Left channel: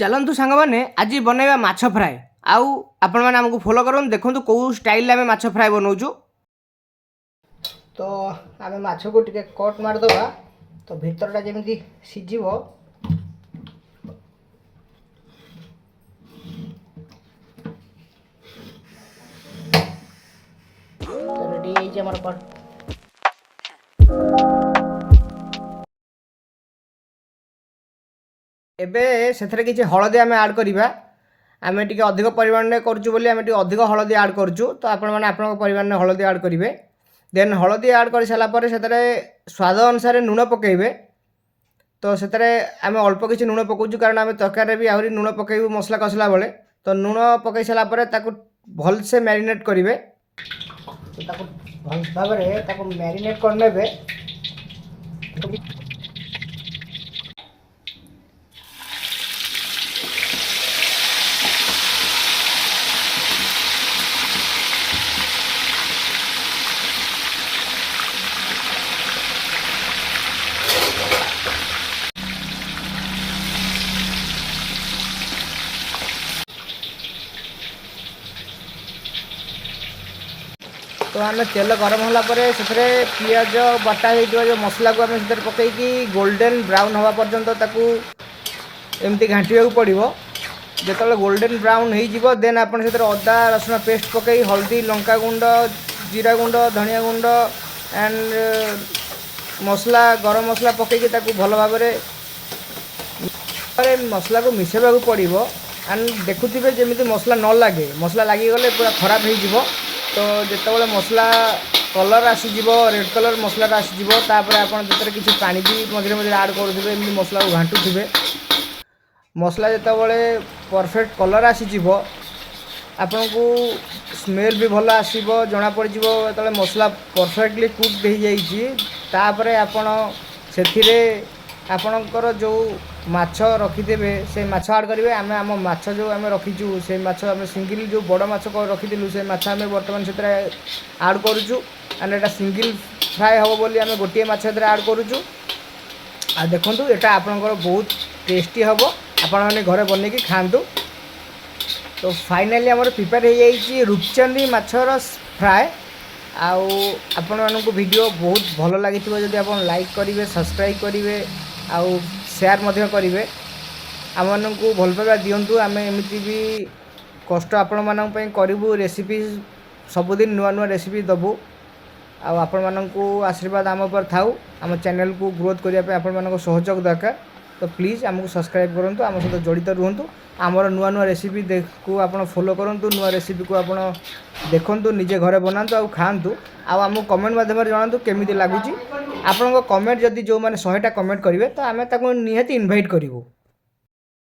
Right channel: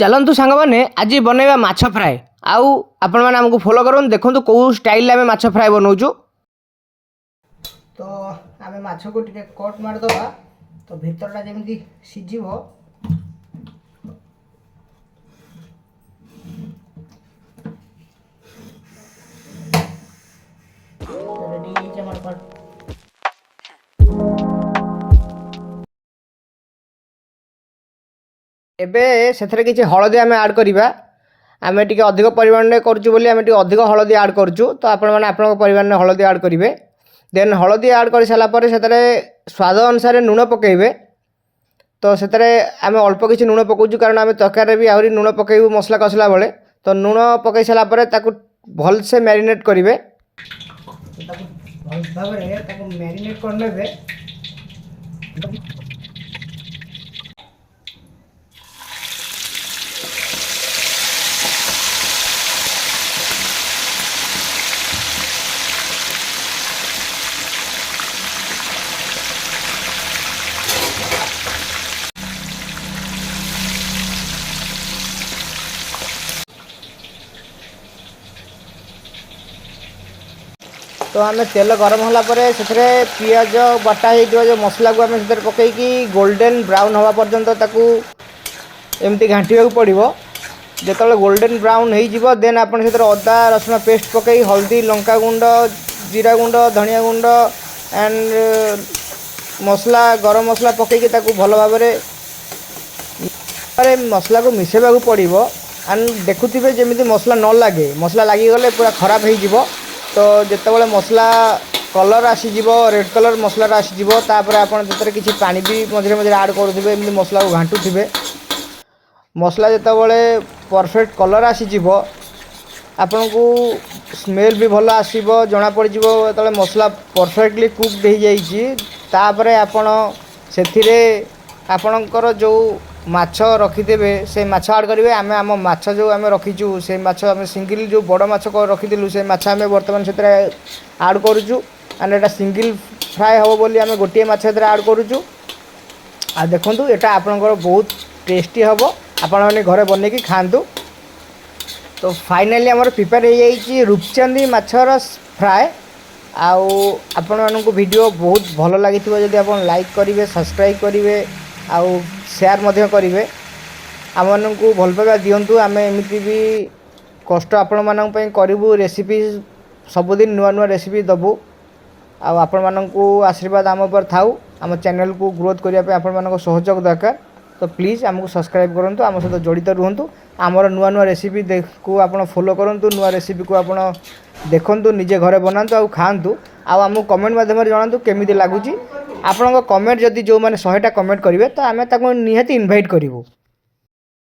चलतु सांग मैंने आज बनवा माछ फ्राए आउ आपण मैंने आमको फॉलो कर देखो कौ स्टाइल आम माछ फ्राए बनाऊँ। तो आम माछ को टे कट मारदे तो भितरटा जमी सीझ रेडी कट एबे से किसी हलदी आम आड करवा आम टे अधिक परिमाण में करूँ अधिक हलदी आड करूँ तो आपण परिमाण में हलदी आड करेंगे। देन हलदी आड कर सारापर से स्वाद अनुसार लुण पकेबे तो से आम अल्प किसी लुण पकाऊँ कारण आम तरकारी भी आहरी लुण पकेबू मसला कसला बेले तो लुण पकई सारापर भलसे मैरिनेट करेंगे भल भाव मैरिनेट करने तो आम तेल गरम होगापर से पिज बटा हो जो मसला को आम से पकईकि गोल्डन ब्राउन हवा पर्यंत एमती घाटा पड़ो। जो गोल्डन ब्राउन हो देन आप अदा रसुण पेस्ट पकई हल्दी लंका गुंड जीरा गुंड धनिया गुंड एंड मसला गरम मसला पकईकि भल भाव मसला को मिसेबा पड़ो एंड देखुवे जमी मसला न लगे मसला लगिगले पूरा खराब हो तो जितेबाला मसला कलर आसीज रेड कलर मसला आसीज आपड़ किसी पानी भी मझे मझे आड करुवे एमती मसला को घाटुवे मसला जितेबाला परफेक्ट कलर आसीज आपन को स्मेल भी भल आसो जना पड़ जो मसला परफेक्टली कुक्ड हो जापर आपण से आपणकर जो माछ रखिदेवे से माछ आड करेंगे आम आम माछ जो आम रखीचु से माछ आम सिंगल जो बड़ माछ रखीलु से माछ आम बर्तमान से आड करुचु एंड एटा सिंगल फ्राए हम बोली आम गोटे माछ आड करुचु आ देखु यहाँ आपंकर बहुत टेस्टी हम आपण घरे बनई खातु। तो फाइनाली आमर प्रिपेयर हो जाइए रूपचंदी माछर फ्राए आपण मानक वीडियो बहुत भल लगी जदि आप लाइक करेंगे सब्सक्राइब करेंगे आउ शेयर मध्य करेंगे आम को भल पाइबा दिंतु आम एमती भी कष्ट आपण मानक करूँ रेसिपी सबुदिन नुआ नुआ रेसिपी दबू आपण मानक आशीर्वाद आम पर थाउ आम चैनल को ग्रोथ करने आपण मानक सहयोग दरकार। तो प्लीज़ आमको सब्सक्राइब करूँ आम सहित जड़ित रुहतु आमर नुआ नुआ रेसिपी को आप फॉलो करूँ नुआ रेसिपी को आप देखु निजे घरे बनातु आ खातु आमको कमेंट माध्यम जनातु केमी लगुच आपण कमेंट जदि जो मैंने 100टा कमेंट करेंगे तो आम निहाती इनभाइट करूँ।